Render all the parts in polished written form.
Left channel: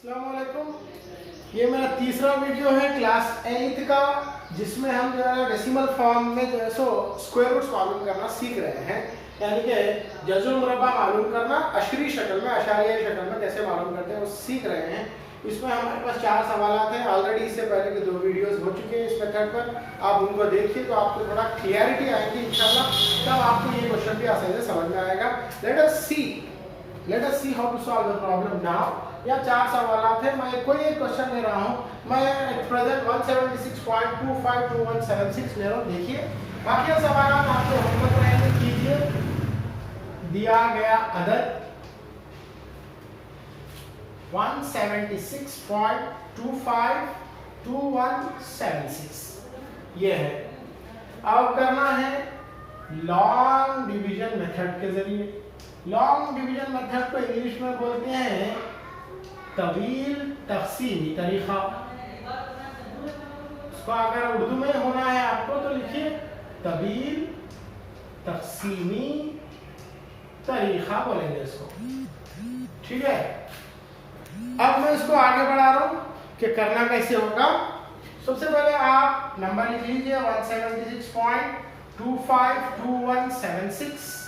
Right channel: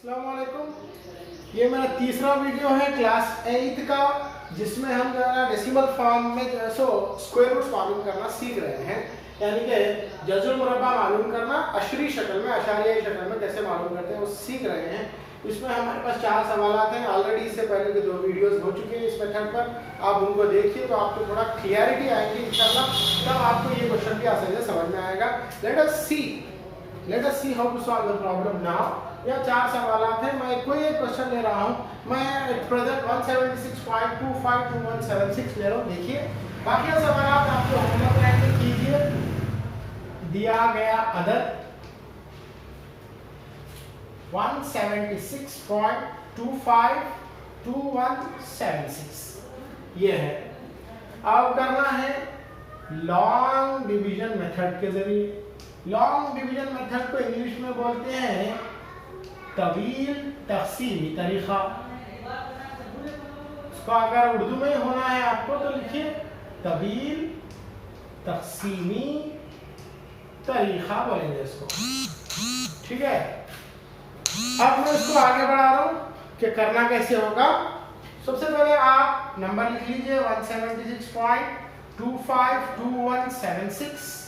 अस्सलाम वालेकुम। ये मेरा तीसरा वीडियो है क्लास 8 का, जिसमें हम जो है डेसिमल फॉर्म में जो है सो स्क्वायर रूट्स मालूम करना सीख रहे हैं, यानी कि जजुल मुरब्बा मालूम करना अशरी शक्ल में, अशारियाई शक्ल में कैसे मालूम करते हैं वो सीख रहे हैं। इसमें हमारे पास 4 सवाल हैं। ऑलरेडी इससे पहले के 2 वीडियोस हो चुके हैं इस मेथड पर, आप उनको देखिए तो आपको थोड़ा क्लियरिटी आएगी इंशाल्लाह, तब आपको ये क्वेश्चन भी आसानी से समझ में आएगा। Let us see how to solve the problem now. या 4 सवाल हैं, मैं कोई एक क्वेश्चन ले रहा हूँ, मैं प्रेजेंट 176.252176 ले रहा हूँ। देखिए बाकी सवाल आपको होमवर्क रहेंगे, कीजिए। दिया गया अदद 176.252176 ये है। अब करना है लॉन्ग डिवीजन मेथड के जरिए। लॉन्ग डिवीजन मेथड को इंग्लिश में बोलते हैं तवील तक़सीमी तरीका। इसको अगर उर्दू में होना है आपको तो लिखिए तवील तक़सीमी तरीका बोलेंगे इसको, ठीक है। अब मैं इसको आगे बढ़ा रहा हूं कि करना कैसे होगा। सबसे पहले आप नंबर लिख लीजिए 176.252176।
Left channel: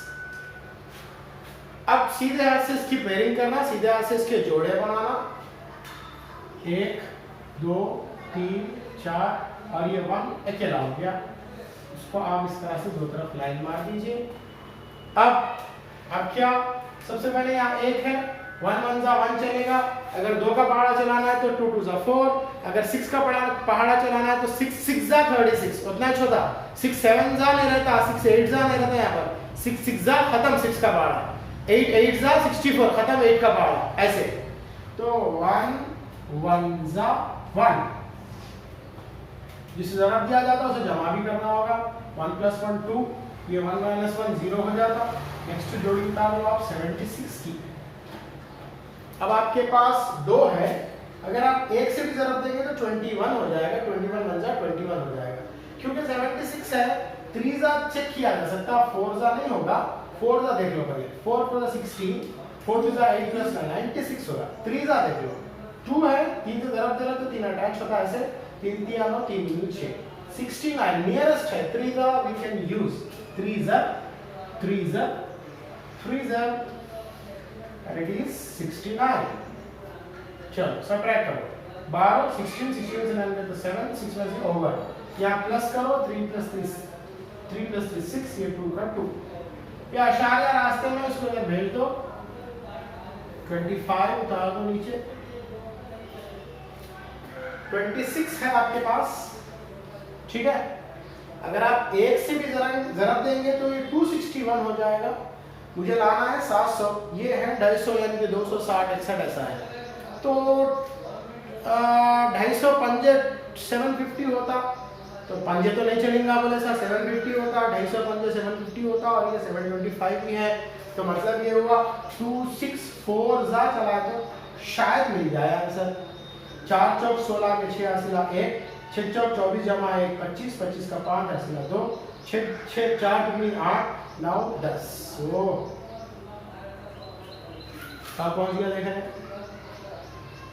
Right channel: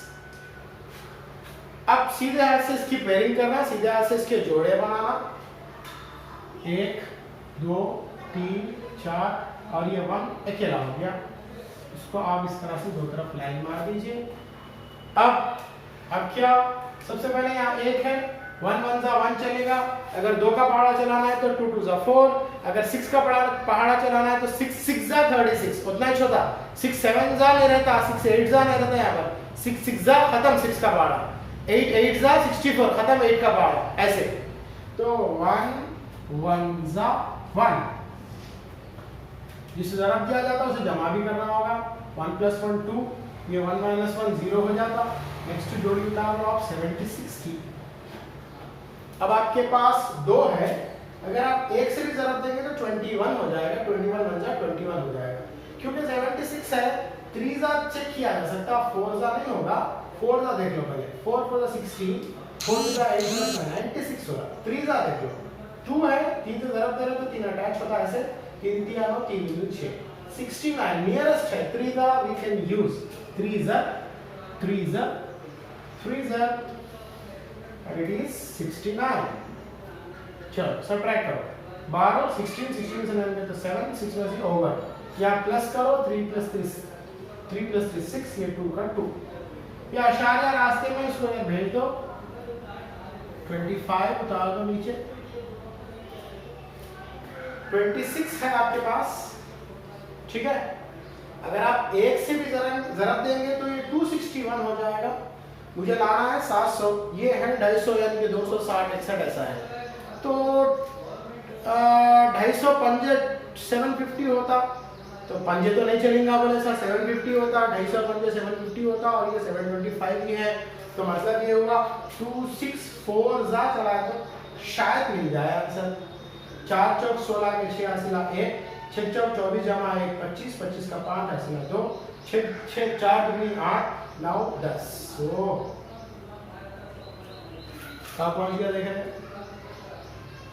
अब सीधे हाथ से इसकी पेयरिंग करना, सीधे हाथ से इसके जोड़े बनाना, 1 2 3 4 और ये 1 अकेला हो गया। इसको आप इस तरह से 2 तरफ लाइन मार दीजिए। अब क्या, सबसे पहले यहाँ 1 है, 1 1 जा 1 चलेगा। अगर 2 का पहाड़ा चलाना है तो 2 2 जा 4। अगर 6 का पहाड़ा चलाना है तो 6 6 जा 36, उतना ही छोटा। 6 7 जा नहीं रहता, 6 8 जा नहीं रहता, यहाँ पर 6 6 जा खत्म 6 का पहाड़ा, 8 8 जा 64 खत्म 8 का पहाड़ा, ऐसे। तो 1 1 जा 1, जिसे जरब दिया जाता है उसे जमा भी करना होगा। 1 + 1 2, ये 1 - 1 0 हो जाता। नेक्स्ट जोड़ी उतार लो आप 76 की। अब आपके पास 2 है, अगर आप 1 से भी जरब देंगे तो 21 हो जाएगा, 21 1 जा 21 हो जाएगा। क्योंकि 76 है, 3 जा चेक किया जा सकता, 4 जा नहीं होगा। 4 जा देख लो पहले, 4 + 16, 4 + 8 + 9 96 होगा। 3 जा देख लो, 2 है, 3 से जरब दे रहे तो 3 अटैच होता है, ऐसे 3 3 9 3 2 6 69 नियरेस्ट है। 3 जा वी कैन यूज 3 जा and it is 69। चलो सबट्रैक्ट करो, 12 16 16 से 9 तो 7 6 में से ओवर, यहाँ प्लस करो 3 + 3 6, ये 2 का 2। ये अशारिया रास्ते में इसको भेज दो, 25 उतार दो नीचे। 26 है आपके पास, ठीक है। अगर आप 1 से भी जरब देंगे तो ये 261 हो जाएगा। मुझे लाना है 700, ये है 250 यानी कि 260 61 ऐसा है। तो 250 पंजे 750 होता, तो पंजे तो नहीं चलेंगे बोले सर, 750 होता, 250 पंजे 750 होता, और ये 725 भी है। तो मतलब ये हुआ 264 जा चला के शायद मिल जाए आंसर। 4 चौक 16 के 6 हासिला 1, 6 चौक 24 जमा 1 25, 25 का 5 हासिला 2, 6 4 दूनी 8 9 10। कहाँ पहुंच गया देखें,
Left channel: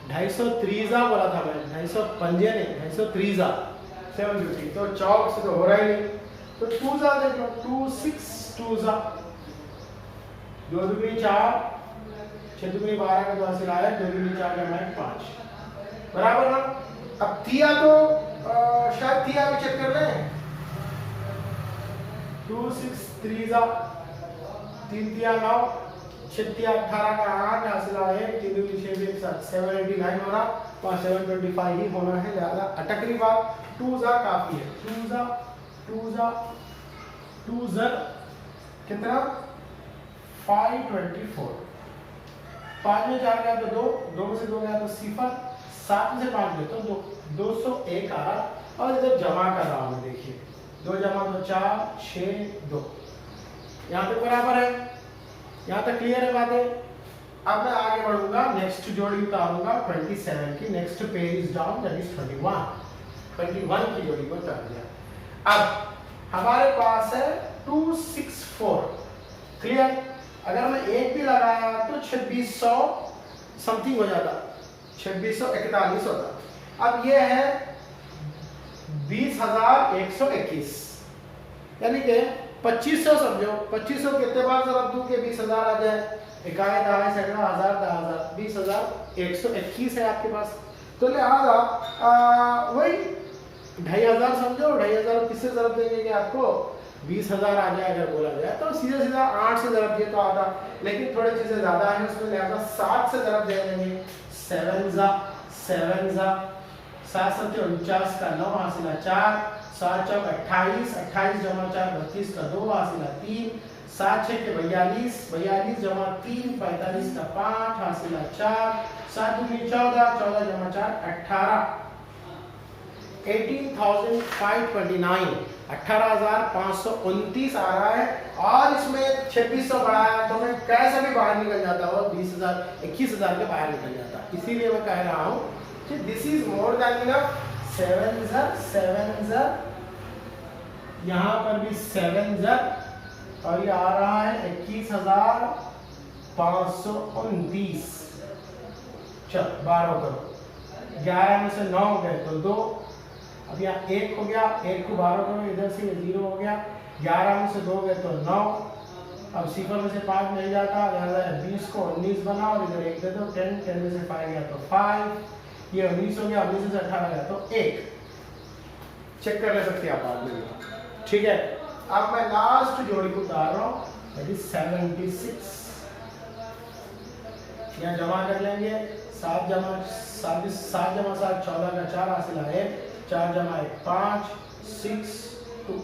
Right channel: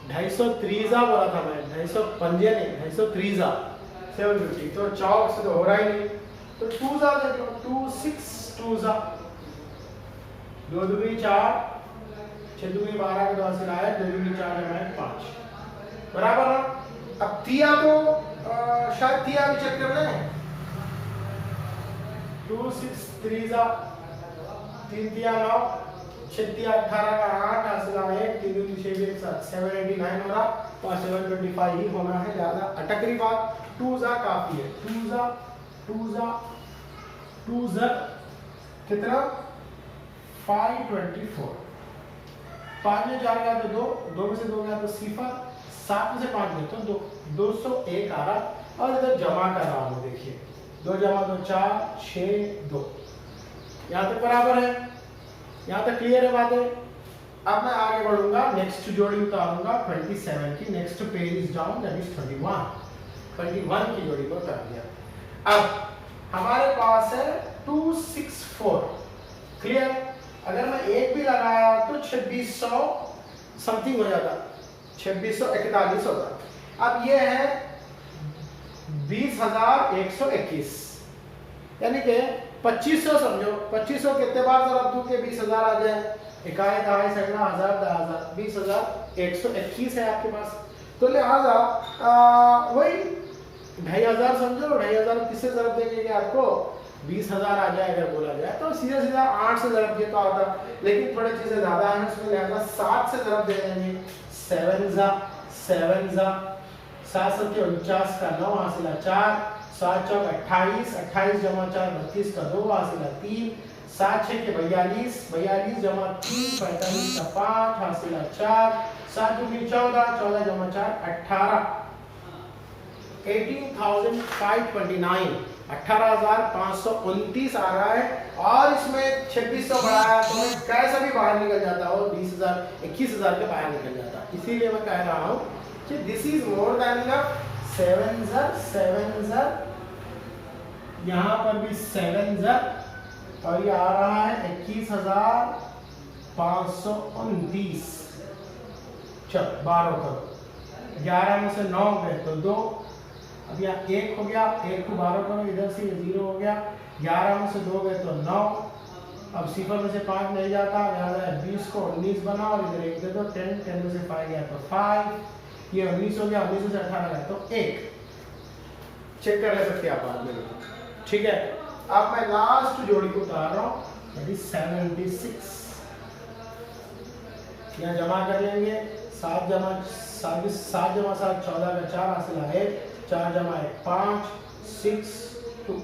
250 3 बोला था मैंने, 250 पंजे नहीं, 250 3 750। तो चौक से तो हो रहा ही नहीं, तो 2 जा देखो, 2 6 2 जा 2 दूनी 4, 6 दूनी 12 के 2 हासिल आया, 2 दूनी 4 जमा 1 5 बराबर ना। अब तिया तो शायद तिया भी चेक कर लें। 2 6 3 जा 3 तिया 9, 6 तिया 18 का 8 हासिला 1, 3 दूनी 6 1 7 789 हो रहा, और 725 ही होना है। ज्यादा अटक रही बात, 2 जा काफी है। 2 जा कितना 524, 5 में 4 गया तो 2, 2 में से 2 गया तो 0, 7 में से 5 गया तो 2, 201 आ रहा। और इधर जमा कर रहा हूँ, देखिए 2 जमा 2 4 6 2, यहाँ तक बराबर है, यहाँ तक क्लियर है बातें। अब मैं आगे बढ़ूंगा, नेक्स्ट जोड़ी उतारूंगा 27 की। Next page is down, that is 21 की जोड़ी को उतार दिया। अब हमारे पास है 264, क्लियर। अगर मैं 1 भी लगाया तो 2600 समथिंग हो जाता, 2641 होता। अब ये है 20,121, यानी कि 2500 समझो, 2500 कितने बार जरा दूं के 20,000 आ जाए, इकाई दहाई सैकड़ा हजार दहा हजार 20,121 है आपके पास। तो लिहाजा वही 2,500 समझो, 2,500 किससे जरूरत देंगे कि आपको 20,000 आ जाए अगर बोला जाए तो सीधा सीधा 8 से जरूरत देता होता, लेकिन थोड़ी चीजें ज्यादा है उसमें लिहाजा 7 से जरूरत दे देंगे। 7 जा 7 सबके 49 का 9 हासिला 4, 7 चौक 28, 28 जमा 4 32 का 2 हासिला 3, 7 6 के 42, 42 जमा 3 45 का 5 हासिला 4, 7 दूनी 14, 14 जमा 4 18, 18,529, 18,529 आ रहा है। और इसमें 2600 बढ़ा है तो मैं कैसे भी बाहर निकल जाता हूँ, 20,000 21,000 के बाहर निकल जाता। इसीलिए मैं कह रहा हूँ कि this is more than enough. 7 यहाँ पर भी 7 और ये आ रहा है 21,529। चलो 12 करो, 11 में से 9 गए तो 2, अब यहाँ 1 हो गया, 1 को 12 करो, इधर से ये 0 हो गया, 11 में से 2 गए तो 9, अब 0 में से 5 नहीं जाता, यहाँ 20 को 19 बना और इधर 1 दे दो, 10, 10 में से 5 गया तो 5, ये 19 हो गया, 19 से 18 गया तो 1। चेक कर ले सकते हैं आप बाद में, ठीक है। अब मैं लास्ट जोड़ी को उतार रहा हूँ, 76, यहाँ जमा कर लेंगे, 7 जमा 7 14 का 4 हासिल है 4 जमा 1 5 6 2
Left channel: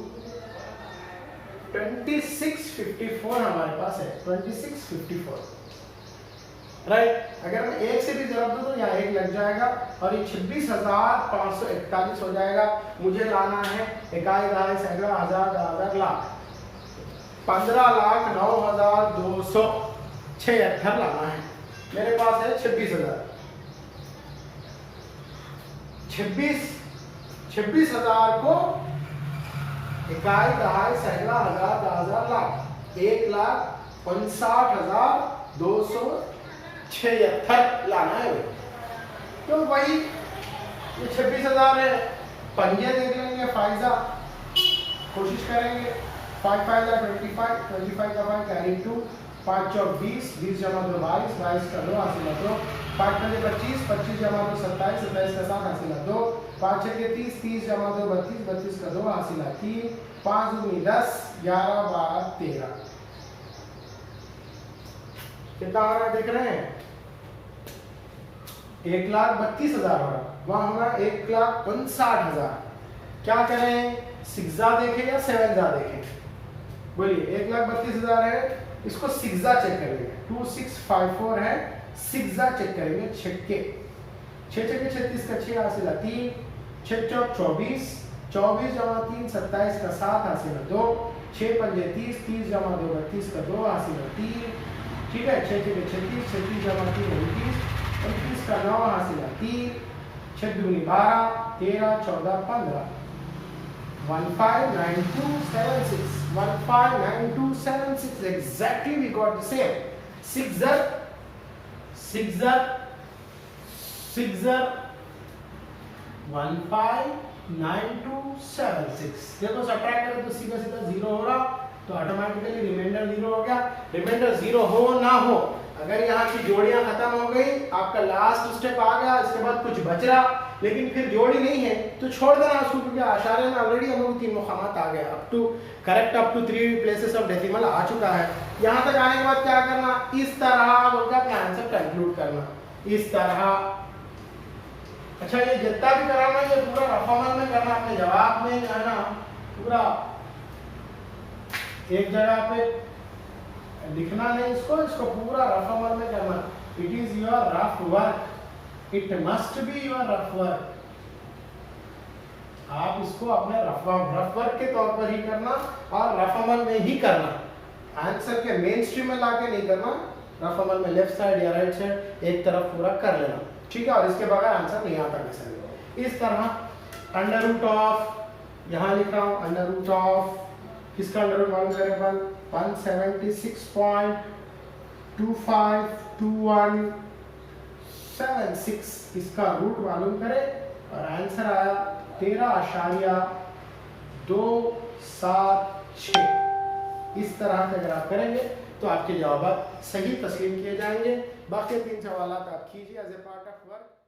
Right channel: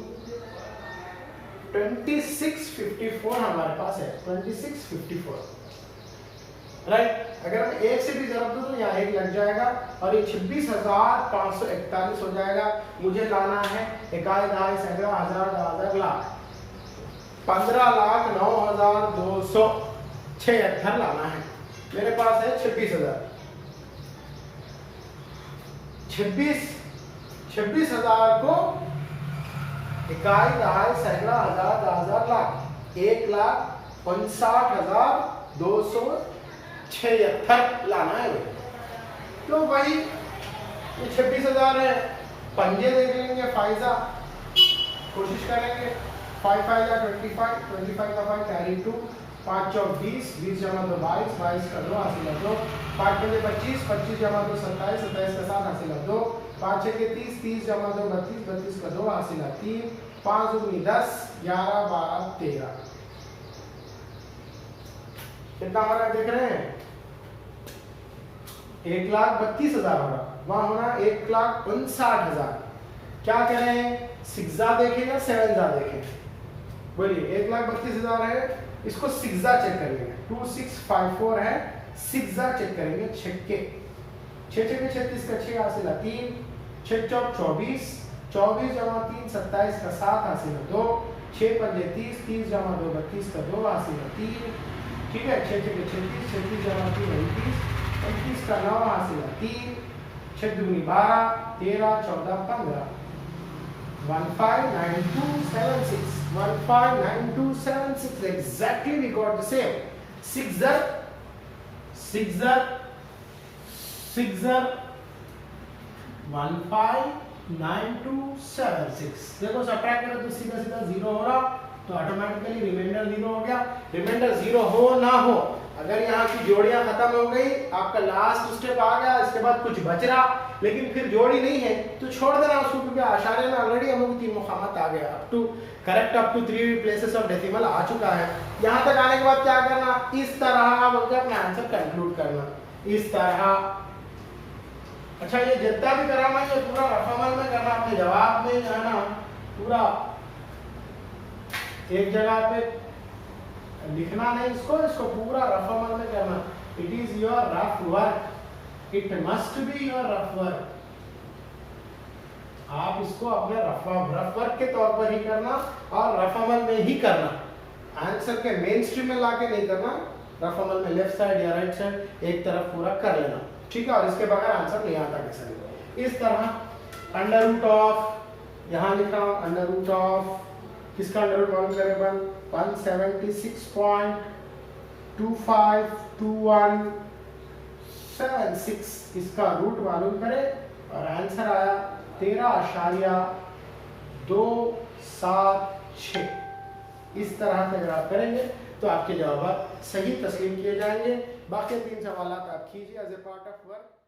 2654 हमारे पास है, 2654 राइट। अगर मैं 1 से भी जरूरत दूं तो यहाँ 1 लग जाएगा और ये 26,541 हो जाएगा। मुझे लाना है इकाई दहाई सैकड़ा हजार हजार लाख 15,09,276 लाना है। मेरे पास है 26,000। 26,000 को इकाई दहाई सैकड़ा हजार हजार लाख 1,59,276 लाना है। तो भाई ये 26,000 है, पंजे देख लेंगे, फाइजा कोशिश करेंगे। 5 5 का 25, 25 का 5 कैरी 2, 5 चौक 20, 20 जमा 2 22, 22 का 2 हासिल 2, 5 पंजे 25, 25 जमा 2 27, 27 का 7 हासिल 2, 5 6 के 30, 30 जमा 2 32, 32 का 2 हासिल 3, 5 दूनी 10, 11 12 13। कितना हो रहा है देख रहे हैं? 1,32,000 हो रहा, वहां होना 1,59,000। क्या करें, 6 देखें या 7 देखें? बोलिए 1,32,000 है, इसको 6 चेक करेंगे। 2654 है, 6 चेक करेंगे। 6 के 36 का 6 हासिल 3, 6 चौक 24, 24 जमा 3 27 का 7 हासिल 2, 6 पंजे 30, 30 जमा 2 32 का 2 हासिल 3, ठीक है। 6 के 36, 36 जमा 3 29, 29 का 9 हासिल 3, 6 दूनी 12, 13 14 15, 159276, 159276 exactly we got the same. 6 159276। देखो सब्ट्रैक्ट करो तो सीधा सीधा 0 हो रहा, तो ऑटोमेटिकली रिमाइंडर 0 हो गया। रिमाइंडर 0 हो ना हो, अगर यहाँ की जोड़ियां खत्म हो गई, आपका लास्ट स्टेप आ गया, इसके बाद कुछ बच रहा लेकिन फिर जोड़ी नहीं है तो छोड़ देना उसको, क्योंकि आशारे में ऑलरेडी हम लोग 3 मुकामात आ गए, up to 3 places of decimal आ चुका है। यहाँ तक आने के बाद क्या करना, इस तरह बोलकर अपना आंसर कंक्लूड करना, इस तरह। अच्छा ये जितना भी कराना ये पूरा रफामल में करना, अपने जवाब में जाना पूरा एक जगह पे लिखना नहीं, इसको पूरा रफामल में करना। It is your rough work, it must be your rough work. आप इसको अपने रफ वर्क के तौर पर ही करना और रफामल में ही करना, आंसर के मेन स्ट्रीम में लाके नहीं करना। रफामल में लेफ्ट साइड या राइट साइड एक तरफ पूरा कर लेना, ठीक है। और इसके बगैर आंसर नहीं आता कैसे। इस तरह अंडर रूट ऑफ, यहां लिखा हूं अंडर रूट ऑफ, किसका अंडर रूट मालूम करें, 176.2521 6 इसका रूट मालूम करें और आंसर आया 13.276। इस तरह से अगर आप करेंगे तो आपके जवाब सही तस्लीम किए जाएंगे। बाकी 3 सवाल आप कीजिए as a part of work.